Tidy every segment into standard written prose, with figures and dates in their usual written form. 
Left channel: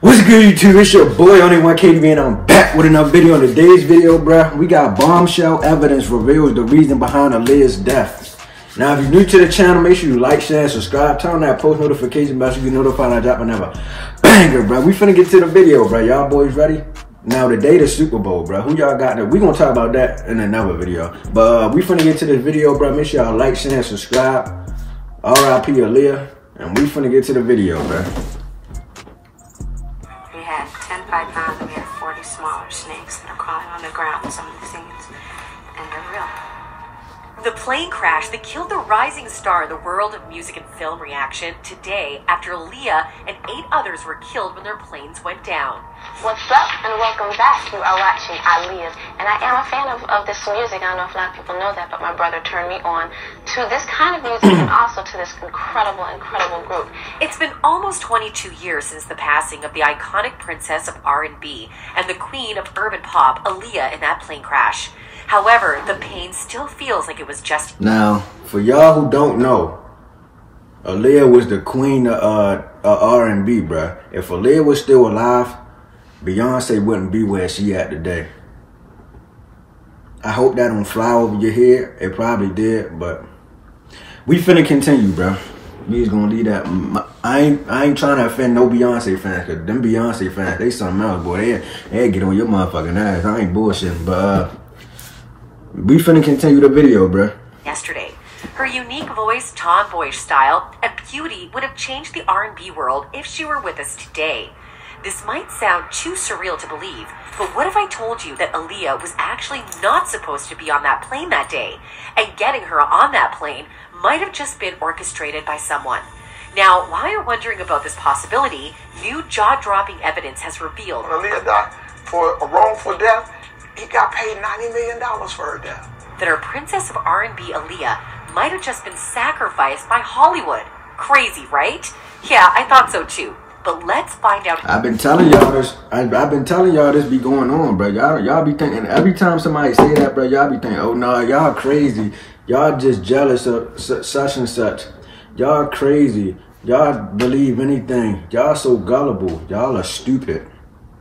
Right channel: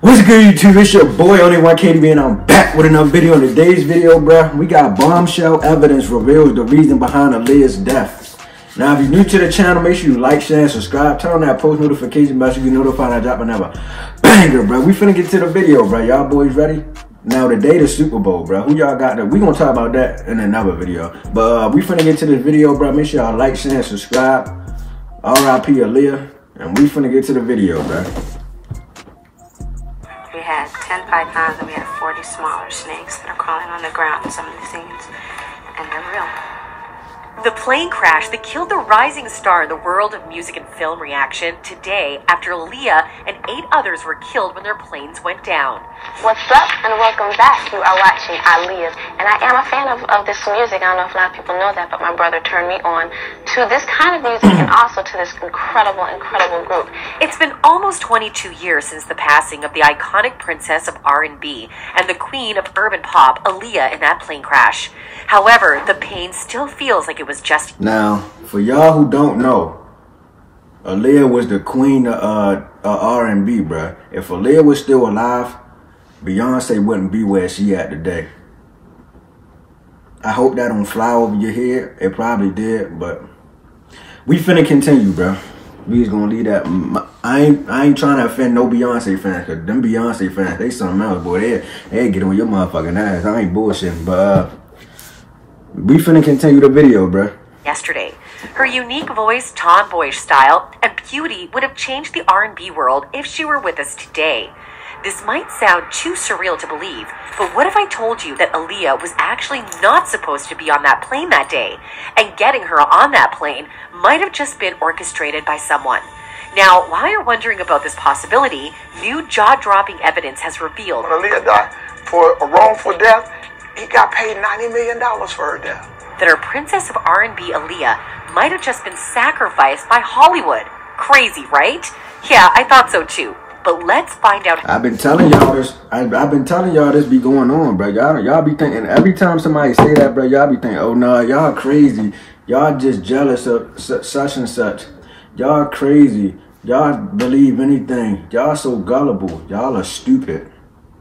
What's good, YouTube? It's your boy, Only One KDB, and I'm back with another video. In today's video, bruh, we got bombshell evidence reveals the reason behind Aaliyah's death. Now, if you're new to the channel, make sure you like, share, and subscribe. Turn on that post notification bell so you get notified I drop another banger, bruh. We finna get to the video, bruh. Y'all boys ready? Now, today the Super Bowl, bruh. Who y'all got there? We gonna talk about that in another video. But we finna get to this video, bruh. Make sure y'all like, share, and subscribe. R.I.P. Aaliyah. And we finna get to the video, bruh. 10 pythons and we had 40 smaller snakes that are crawling on the ground in some of the scenes, and they're real. The plane crash that killed the rising star in the world of music and film reaction today after Aaliyah and 8 others were killed when their planes went down. What's up, and welcome back. You are watching Aaliyah, and I am a fan of this music. I don't know if a lot of people know that, but my brother turned me on to this kind of music and also to this incredible group. It's been almost 22 years since the passing of the iconic princess of R&B and the queen of urban pop, Aaliyah, in that plane crash. However, the pain still feels like it was just... Now, for y'all who don't know, Aaliyah was the queen of R&B, bruh. If Aaliyah was still alive, Beyonce wouldn't be where she at today. I hope that don't fly over your head. It probably did, but we finna continue, bro. We just gonna leave that. I ain't trying to offend no Beyonce fans, cause them Beyonce fans, they something else, boy. They get on your motherfucking ass. I ain't bullshitting, but we finna continue the video, bro. Yesterday, her unique voice, tomboyish style, and beauty would have changed the R&B world if she were with us today. This might sound too surreal to believe, but what if I told you that Aaliyah was actually not supposed to be on that plane that day, and getting her on that plane might have just been orchestrated by someone? Now, while you're wondering about this possibility, new jaw-dropping evidence has revealed when Aaliyah died for a wrongful death, he got paid $90 million for her death. That our princess of R&B, Aaliyah, might have just been sacrificed by Hollywood. Crazy, right? Yeah, I thought so too. But let's find out. I've been telling y'all this. I've been telling y'all this be going on, bro. Y'all be thinking, every time somebody say that, bro, y'all be thinking, oh no, y'all crazy. Y'all just jealous of such and such. Y'all crazy. Y'all believe anything. Y'all so gullible. Y'all are stupid.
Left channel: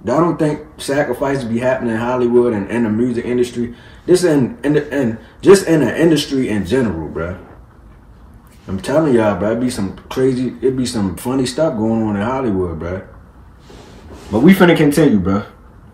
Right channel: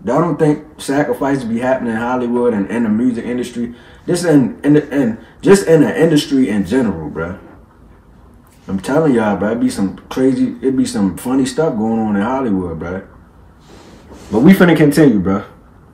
Y'all don't think sacrifices be happening in Hollywood and in the music industry? Just in the industry in general, bro. I'm telling y'all, bro, it'd be some funny stuff going on in Hollywood, bro. But we finna continue, bro.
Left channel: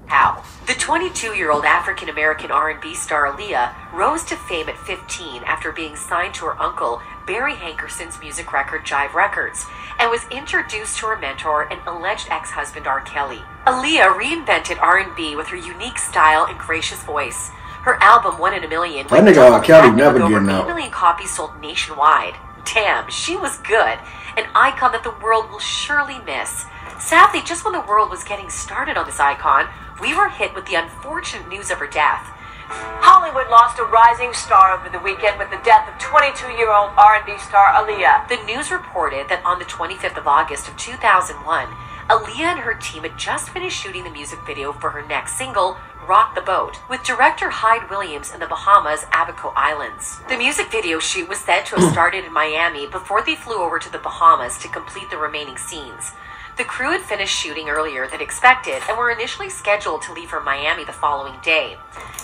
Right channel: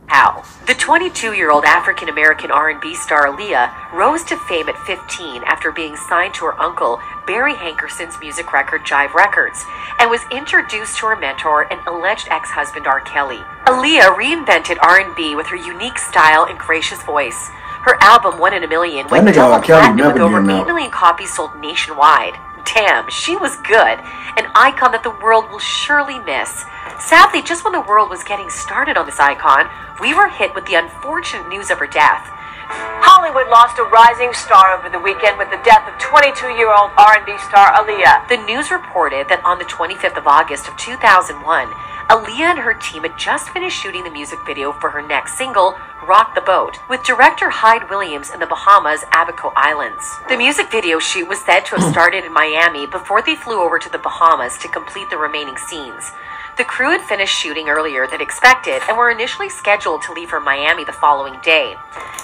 How? The 22-year-old African-American R&B star Aaliyah rose to fame at 15 after being signed to her uncle, Barry Hankerson's music record Jive Records, and was introduced to her mentor and alleged ex-husband R. Kelly. Aaliyah reinvented R&B with her unique style and gracious voice. Her album, 1 in a Million, that nigga R. Kelly never with over getting 8 out. million copies sold nationwide. Damn, she was good. An icon that the world will surely miss. Sadly, just when the world was getting started on this icon, we were hit with the unfortunate news of her death. Hollywood lost a rising star over the weekend with the death of 22-year-old R&B star Aaliyah. The news reported that on the 25th of August of 2001, Aaliyah and her team had just finished shooting the music video for her next single, Rock the Boat, with director Hyde Williams in the Bahamas' Abaco Islands. The music video shoot was said to have started in Miami before they flew over to the Bahamas to complete the remaining scenes. The crew had finished shooting earlier than expected and were initially scheduled to leave for Miami the following day.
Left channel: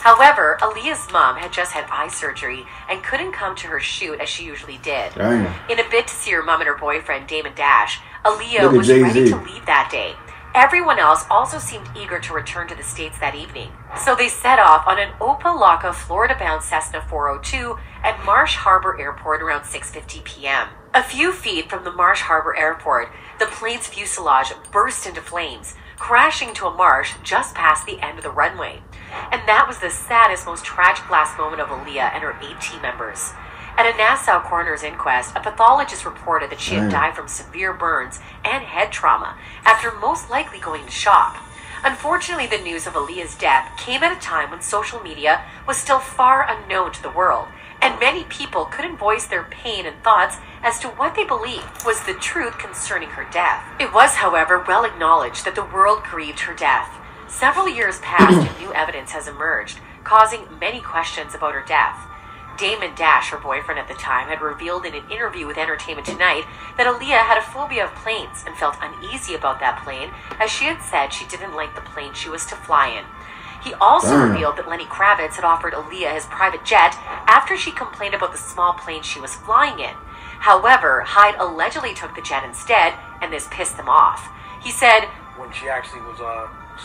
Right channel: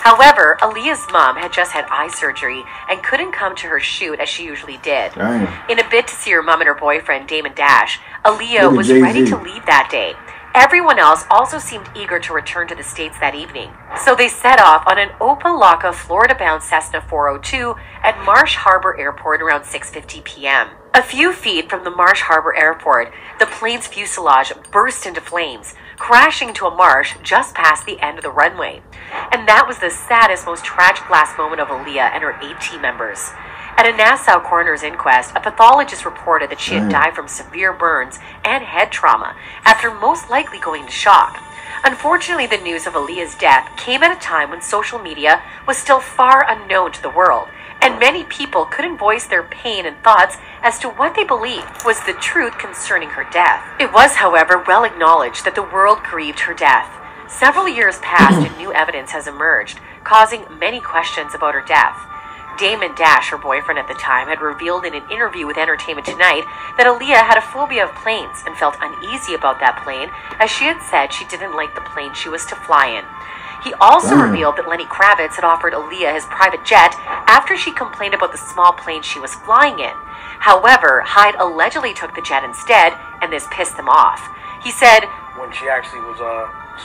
However, Aaliyah's mom had just had eye surgery and couldn't come to her shoot as she usually did. Damn. In a bid to see her mom and her boyfriend, Damon Dash, Aaliyah was ready to leave that day. Everyone else also seemed eager to return to the States that evening. So they set off on an Opa-locka, Florida-bound Cessna 402 at Marsh Harbor Airport around 6:50 p.m. A few feet from the Marsh Harbor Airport, the plane's fuselage burst into flames, crashing into a marsh just past the end of the runway. And that was the saddest, most tragic last moment of Aaliyah and her 8 team members. At a Nassau coroner's inquest, a pathologist reported that she had died from severe burns and head trauma after most likely going into shock. Unfortunately, the news of Aaliyah's death came at a time when social media was still far unknown to the world, and many people couldn't voice their pain and thoughts as to what they believed was the truth concerning her death. It was, however, well acknowledged that the world grieved her death. Several years passed and new evidence has emerged, causing many questions about her death. Damon Dash, her boyfriend at the time, had revealed in an interview with Entertainment Tonight that Aaliyah had a phobia of planes and felt uneasy about that plane, as she had said she didn't like the plane she was to fly in. He also revealed that Lenny Kravitz had offered Aaliyah his private jet after she complained about the small plane she was flying in. However, Hyde allegedly took the jet instead, and this pissed him off. He said, when she actually was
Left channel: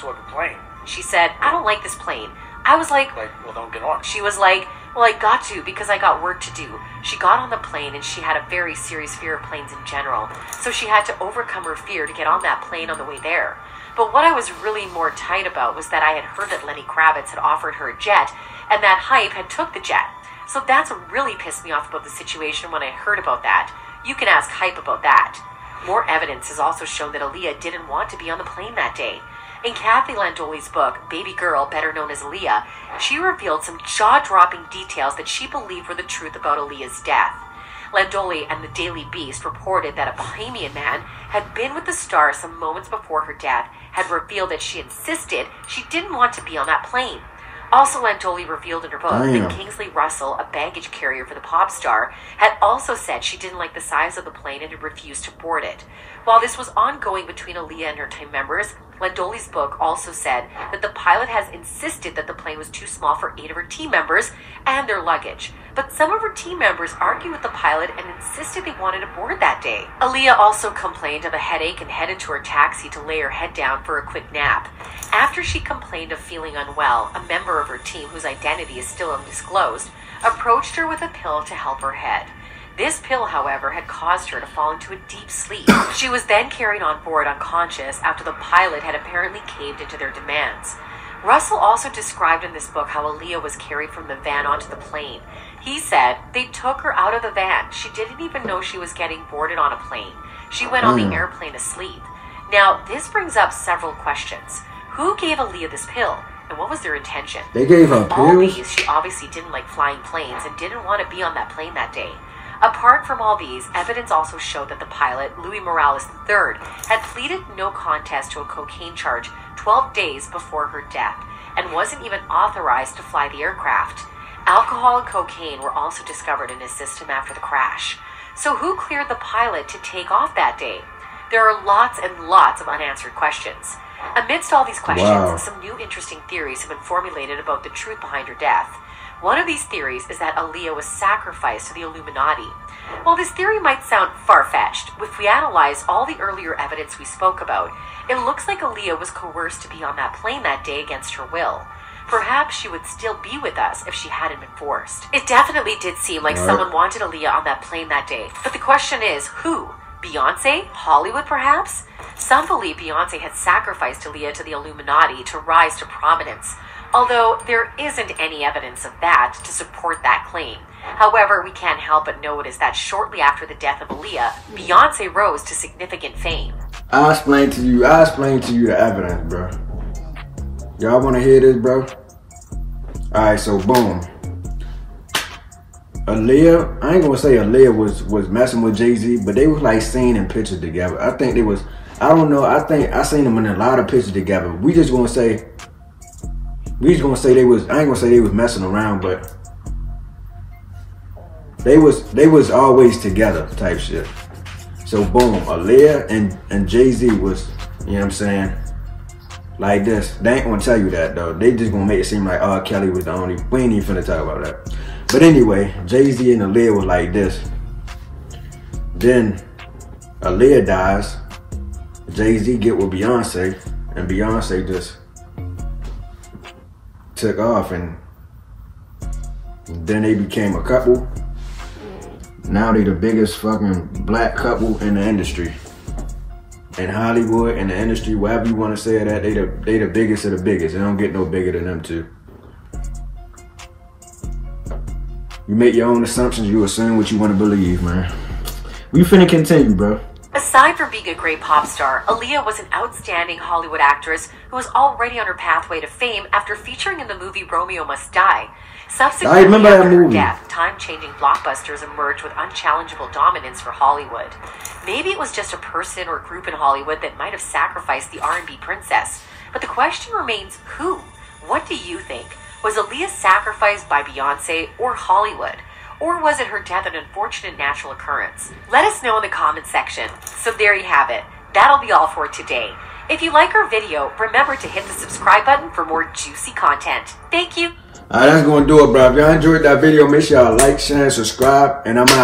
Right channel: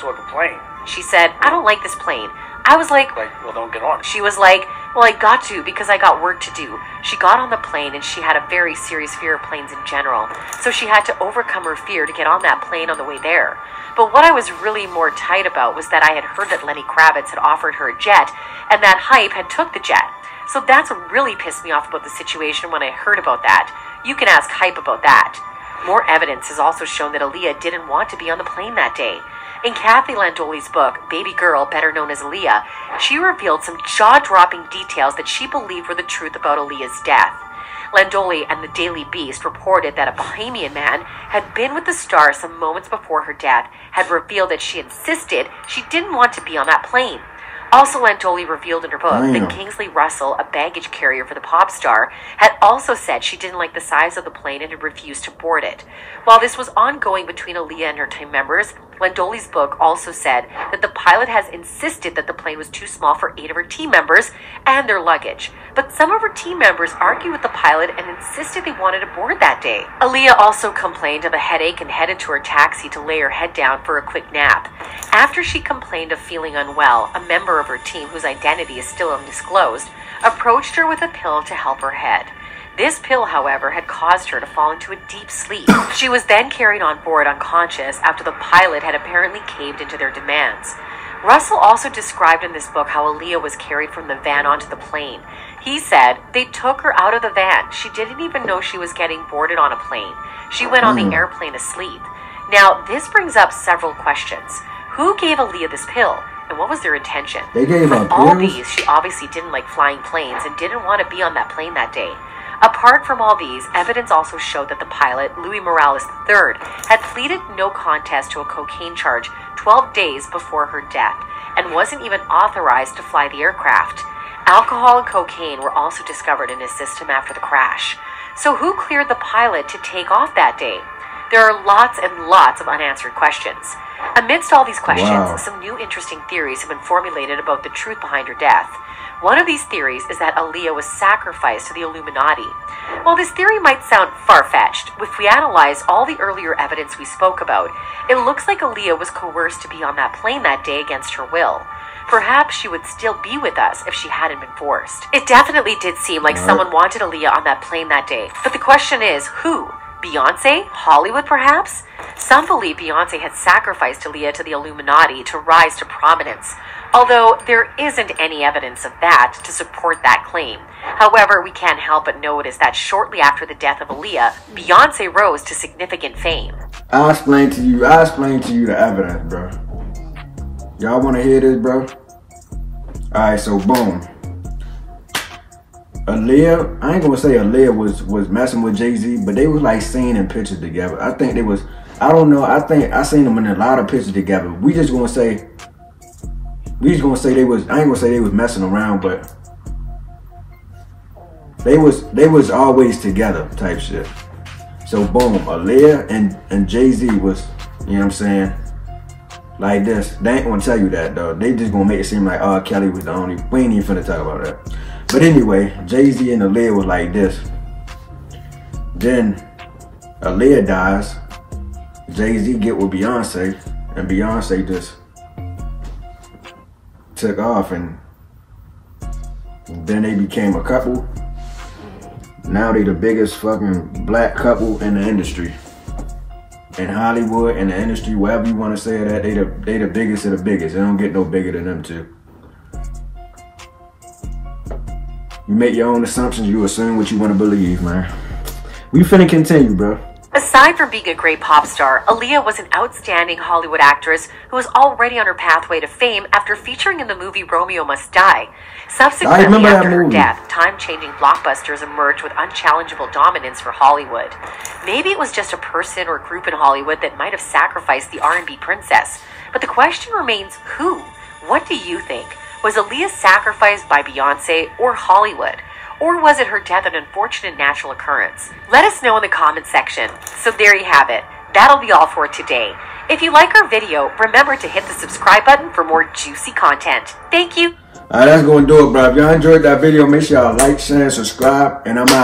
saw the plane, she said, "I don't like this plane." I was like, well, don't get on. She was like, "Well, I got to because I got work to do." She got on the plane and she had a very serious fear of planes in general, so she had to overcome her fear to get on that plane on the way there. But what I was really more tight about was that I had heard that Lenny Kravitz had offered her a jet and that Hype had took the jet. So that's what really pissed me off about the situation when I heard about that. You can ask Hype about that. More evidence has also shown that Aaliyah didn't want to be on the plane that day. In Kathy Landoli's book, Baby Girl, better known as Aaliyah, she revealed some jaw-dropping details that she believed were the truth about Aaliyah's death. Landoli and the Daily Beast reported that a Bahamian man had been with the star some moments before her death, had revealed that she insisted she didn't want to be on that plane. Also, Landoli revealed in her book that Kingsley Russell, a baggage carrier for the pop star, had also said she didn't like the size of the plane and had refused to board it. While this was ongoing between Aaliyah and her team members, Landoli's book also said that the pilot has insisted that the plane was too small for 8 of her team members and their luggage. But some of her team members argued with the pilot and insisted they wanted to board that day. Aaliyah also complained of a headache and headed to her taxi to lay her head down for a quick nap. After she complained of feeling unwell, a member of her team, whose identity is still undisclosed, approached her with a pill to help her head. This pill, however, had caused her to fall into a deep sleep. She was then carried on board unconscious after the pilot had apparently caved into their demands. Russell also described in this book how Aaliyah was carried from the van onto the plane. He said, "They took her out of the van. She didn't even know she was getting boarded on a plane. She went on the airplane asleep." Now, this brings up several questions. Who gave Aaliyah this pill? And what was their intention? They gave her pills? All these, she obviously didn't like flying planes and didn't want to be on that plane that day. Apart from all these, evidence also showed that the pilot, Louis Morales III, had pleaded no contest to a cocaine charge 12 days before her death and wasn't even authorized to fly the aircraft. Alcohol and cocaine were also discovered in his system after the crash. So who cleared the pilot to take off that day? There are lots and lots of unanswered questions. Amidst all these questions, some new interesting theories have been formulated about the truth behind her death. One of these theories is that Aaliyah was sacrificed to the Illuminati. While this theory might sound far-fetched, if we analyze all the earlier evidence we spoke about, it looks like Aaliyah was coerced to be on that plane that day against her will. Perhaps she would still be with us if she hadn't been forced. It definitely did seem like someone wanted Aaliyah on that plane that day. But the question is, who? Beyonce? Hollywood, perhaps? Some believe Beyonce had sacrificed Aaliyah to the Illuminati to rise to prominence, although there isn't any evidence of that to support that claim. However, we can't help but notice that shortly after the death of Aaliyah, Beyonce rose to significant fame. I'll explain to you the evidence, bro. Y'all want to hear this, bro? Alright, so boom. Aaliyah, I ain't gonna say Aaliyah was messing with Jay-Z, but they was like seen in pictures together. I think they was, I don't know, I think I seen them in a lot of pictures together. We just gonna say they was, I ain't gonna say they was messing around, but they was always together type shit. So boom, Aaliyah and Jay-Z was, you know what I'm saying, like this. They ain't gonna tell you that though. They just gonna make it seem like R. Kelly was the only, we ain't even finna talk about that. But anyway, Jay-Z and Aaliyah was like this. Then Aaliyah dies, Jay-Z get with Beyonce, and Beyonce just took off, and then they became a couple. Now they the biggest fucking black couple in the industry. In Hollywood, in the industry, wherever you want to say that, they the biggest of the biggest. They don't get no bigger than them two. You make your own assumptions, you assume what you want to believe, man. We finna continue, bro. Aside from being a great pop star, Aaliyah was an outstanding Hollywood actress who was already on her pathway to fame after featuring in the movie Romeo Must Die. Subsequently, after her death, time-changing blockbusters emerged with unchallengeable dominance for Hollywood. Maybe it was just a person or group in Hollywood that might have sacrificed the R&B princess. But the question remains, who? What do you think? Was Aaliyah sacrificed by Beyonce or Hollywood? Or was it her death an unfortunate natural occurrence? Let us know in the comment section. So there you have it. That'll be all for today. If you like our video, remember to hit the subscribe button for more juicy content. Thank you. Alright, that's going to do it, bro. If y'all enjoyed that video, make sure y'all like, share, and subscribe. And I'm out.